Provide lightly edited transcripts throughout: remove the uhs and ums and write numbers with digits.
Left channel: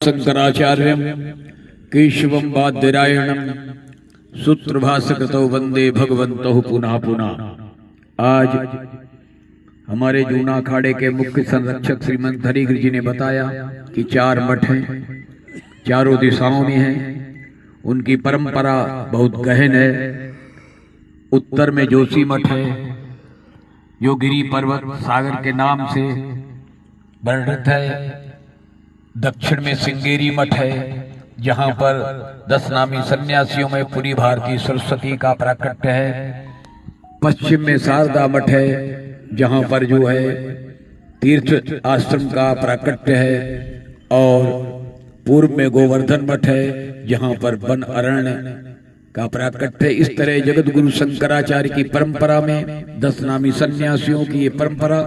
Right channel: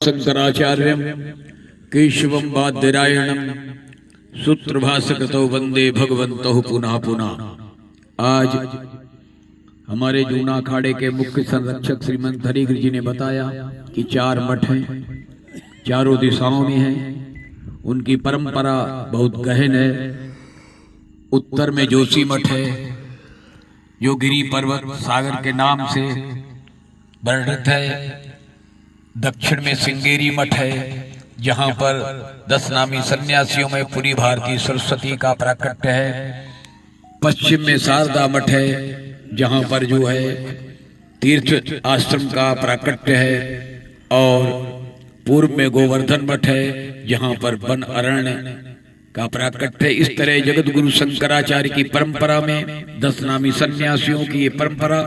शंकराचार्य केशवं वाद्यरायणं सूत्रभाष्यकृतौ वंदे भगवन्तौ पुनः पुनः। आज हमारे जूना अखाड़े के मुख्य संरक्षक श्रीमंत हरिगिरि जी ने बताया कि 4 मठ हैं, चारों दिशाओं में हैं। उनकी परंपरा बहुत गहन है। उत्तर में जोशी मठ है जो गिरी पर्वत सागर के नाम से वर्णित है। दक्षिण में सिंगेरी मठ है जहाँ पर 10 नामी सन्यासियों में पूरी भारतीय सरस्वती का प्राकट्य है। पश्चिम में शारदा मठ है जहाँ पर जो है तीर्थ आश्रम का प्राकट्य है। और पूर्व में गोवर्धन मठ है जहाँ पर वन अरण्य का प्राकट्य है। इस तरह जगत गुरु शंकराचार्य की परंपरा में 10 नामी सन्यासियों की ये परंपरा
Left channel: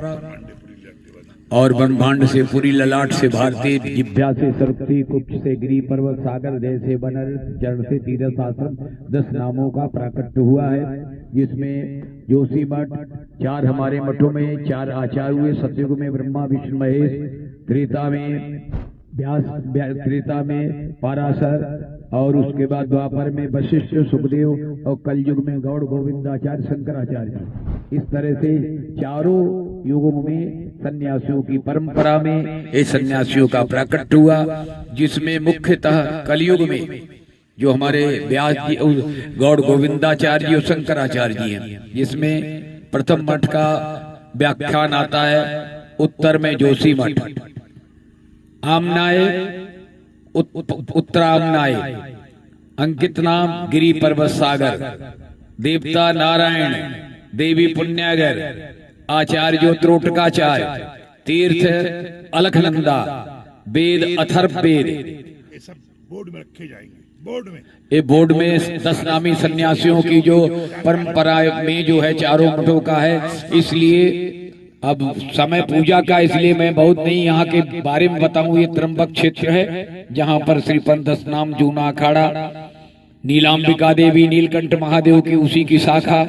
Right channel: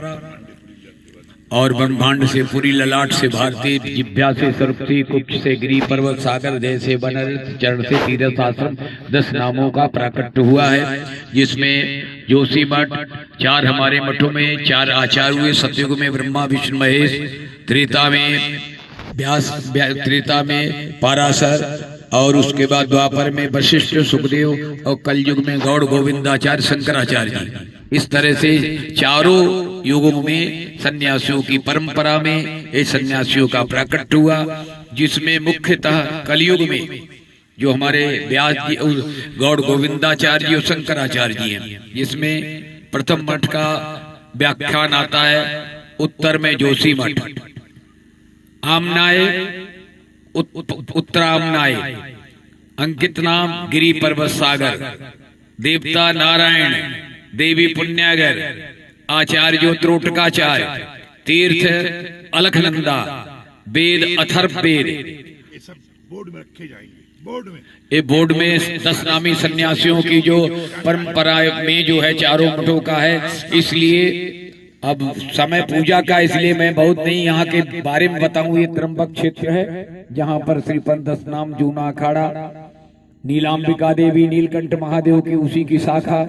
और ब्रह्मांड से पूरी ललाट से भारतीय जिभ्या से सरस्वती कुक्ष से गिरी पर्वत सागर जैसे बनर चरण से तीर्थ आश्रम 10 नामों का प्राकट्य हुआ है। जिसमें जोशी मठ 4 हमारे मठों में 4 आचार्य हुए। सतयुग में ब्रह्मा विष्णु महेश, त्रेता में व्यास, त्रेता में पाराशर और उसके बाद द्वापर में वशिष्ठ सुखदेव और कलयुग में गौड़ गोविंदाचार्य शंकराचार्य जी। इस तरह से चारों युगों में सन्यासियों की परंपरा में ये सन्यासियों का प्राकट्य हुआ। जिसमें मुख्यतः कलयुग में जो हमारे व्यास जी गौड़ गोविंदाचार्य जी और शंकराचार्य जी हैं। जिसमें प्रथम मठ का व्याख्यान आता है उत्तर में जोशी मठ, आमनाय उत्तरामनाय, अंकित नाम गिरी पर्वत सागर, देवता नारायण, देवी पुण्यागर, आचार्य जो त्रोटकाचार्य, तीर्थ अलखनंदा, वेद अथर्व वेद। ये सब बोर्ड में रखे जाएंगे। बोर्ड में 10 नामी सन्यासियों की जो परंपरा में जो है चारों मठों का है। इसलिए अब समय पूजा का, इसलिए मैं बहुत नहीं यहाँ के बारे में बताऊं। ये त्र्यंबक क्षेत्र है जहाँ पर श्रीपंथ 10 नाम जूना अखाड़ा, नीलांबिका देवी नीलकंठ महादेव की उसी की शाखा,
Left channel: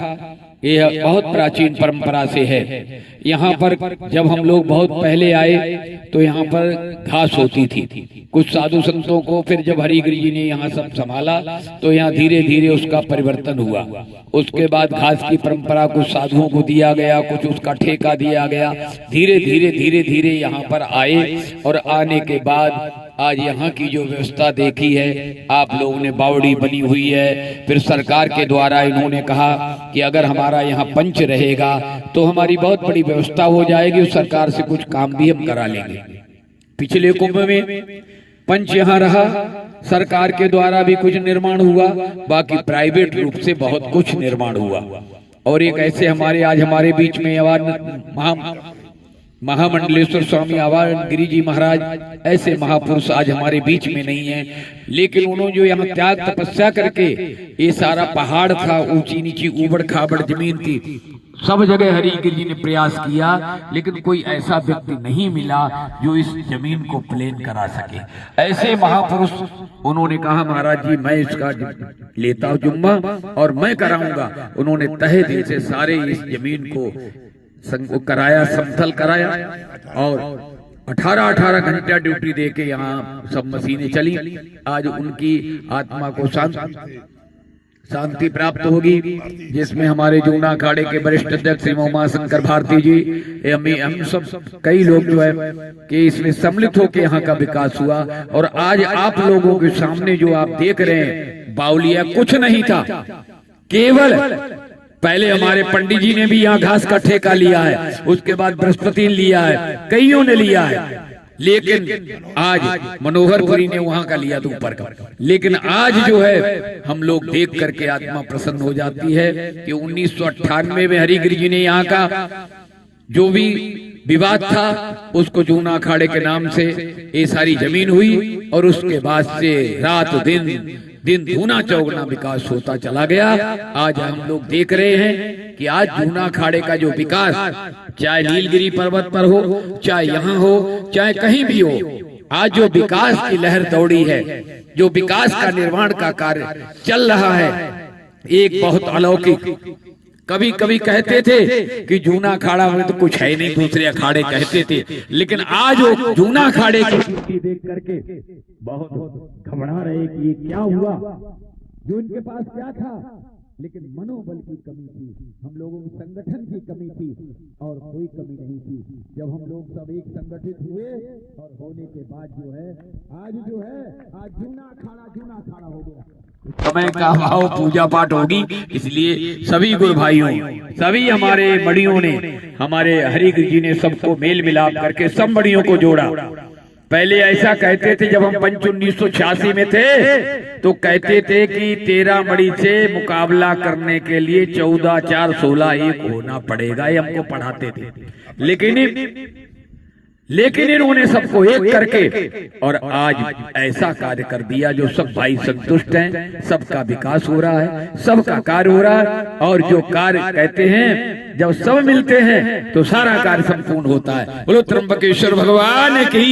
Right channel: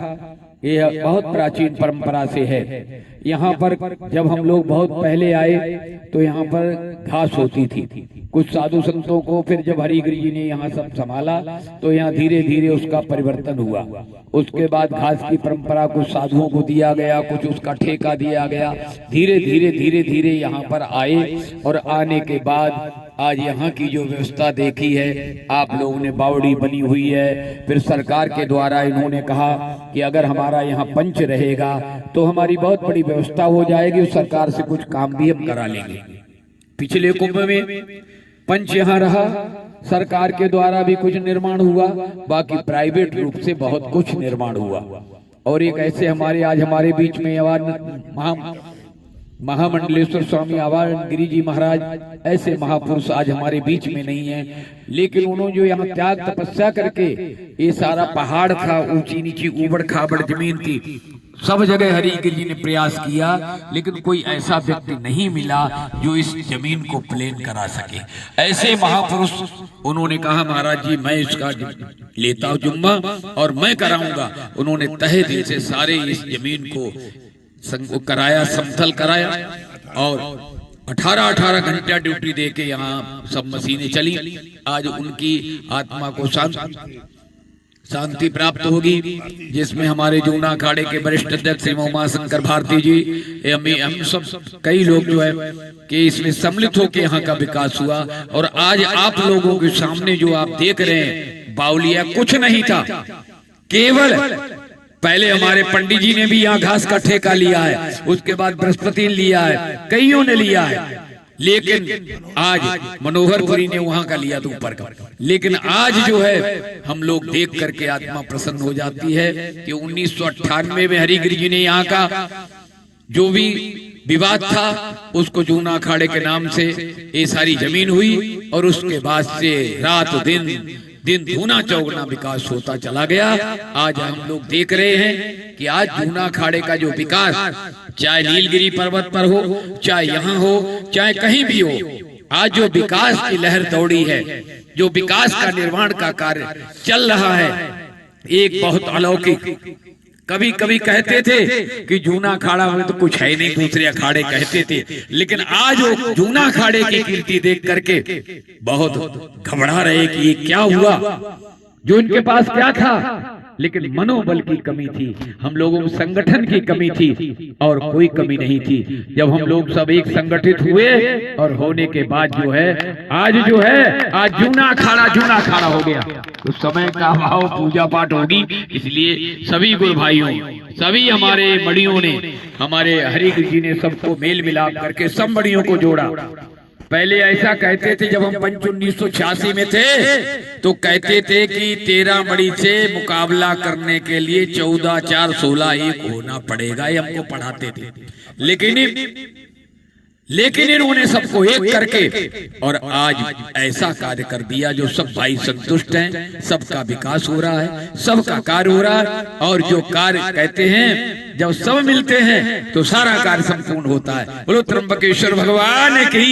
यह बहुत प्राचीन परंपरा से है। यहाँ पर जब हम लोग बहुत पहले आए तो यहाँ पर घास होती थी। कुछ साधु संतों को फिर जब हरिगिरि जी ने यहाँ सब संभाला तो यहाँ धीरे धीरे उसका परिवर्तन हुआ। उसके बाद घास की परंपरा कुछ साधुओं को दिया गया, कुछ उसका ठेका दिया गया। धीरे धीरे यहाँ पर आए और आने के बाद आज यहाँ की जो व्यवस्था देखी है आप लोगों ने, बावड़ी बनी हुई है। फिर सरकार के द्वारा इन्होंने कहा कि अगर हमारा यहाँ पंच रहेगा तो हमारी बहुत बड़ी व्यवस्था हो जाएगी और सरकार से कुछ काम भी हम करा लेंगे। पिछले कुंभ में पंच यहाँ रहा, सरकार के द्वारा भी कुछ निर्माण हुआ, बाकी प्राइवेट रूप से बहुत कुछ निर्माण हुआ। और एक ऐसे हमारे आज हमारे बीच में महामंडलेश्वर स्वामी आवाहन गिरी जी महाराज, ऐसे महापुरुष आज हमारे बीच में नहीं है। लेकिन उन्होंने जो यहाँ त्याग तपस्या करके, ये सारा पहाड़ था, ऊंची नीची उबड़ खाबड़ जमीन थी, सब जगह हरिगिरि जी ने प्रयास किया लेकिन कोई ऐसा व्यक्ति नहीं मिला जो इस जमीन को प्लेन करा सके। ऐसे महापुरुष उन्होंने कहा महाराज जी मैं इसका लेता हूं जुम्मा और मैं कराऊंगा। उन्होंने तहे दिल से सारे इस जमीन को कराया, समतल कराया और 18 घंटा ड्यूटी देके यहाँ सब मशीनें चली। आज उनकी आत्मा को शांति प्राप्त होगी। जिसमें हमारे जूना अखाड़े के वरिष्ठ अध्यक्ष श्री उमाशंकर भारती जी, हम सब कई लोग जो है कि इसमें सम्मिलित होकर यहाँ का विकास हुआ। और आज आप लोगों के सामने जो आप देख रहे हैं बावलिया कुछ नहीं था, केवल पहले हमारे पंडित जी ने भी यहाँ घास का ठेका लिया है, उसके बाद बृहस्पति ने लिया है, कईयों ने लिया है। लेकिन आज मनोहरपुरी ने वहां का लिया तो ऊपर का। लेकिन आज जो है हम लोग देख करके आत्मा प्रसन्न हो जाती है कि 1998 में हरिगिरि जी ने यहाँ का जो भी विवाद था उसको जूना अखाड़े के नाम से ये सारी जमीन हुई। और उसके बाद से रात दिन दूना चौगुना विकास होता चला गया। आज हम लोग देख रहे हैं कि आज जूना अखाड़े का जो विकास, चाहे नीलगिरी पर्वत पर हो, चाहे यहाँ हो, चाहे कहीं भी हो, आज जो विकास की लहर दौड़ी है, जो विकास का निर्माण का कार्य चल रहा है, एक बहुत अलौकिक कभी कभी कहते थे कि जूना अखाड़ा में तो कुछ है नहीं, दूसरे अखाड़े कहते थे, लेकिन आज वो जूना अखाड़े की कीर्ति देख करके बहुत घबरा रहे कि ये क्या हुआ, जो इनके पास क्या था, लेकिन मनोबल की कमी थी, हम लोगों में संगठन की कमी थी और कोई कमी नहीं थी। जब हम लोग सब एक संगठित हुए और होने के बाद जो है आज जूना अखाड़ा हो गया, तो समय का भाव पूजा पाठ होगी। इसलिए सभी गुरु भाइयों, सभी हमारे मड़ियों ने, हमारे हरिकृष्ण जी ने सबको मेल मिलाप करके सब मड़ियों को जोड़ा। पहले ऐसा कहते थे, जब हम पंच 1986 में थे तो कहते थे कि 13 मड़ी से मुकाबला करने के लिए 14, 4, 16 एक होना पड़ेगा, ये हमको पढ़ाते थे। लेकिन इन्होंने सबको एक करके और आज ऐसा कार्य कर दिया जो सब भाई संतुष्ट हैं, सबका विकास हो रहा है, सबका कार्य हो रहा है। और जो कार्य कहते हैं जब सब मिलते हैं तो सारा कार्य संपूर्ण होता है। बोलो त्र्यंबकेश्वर भगवान की।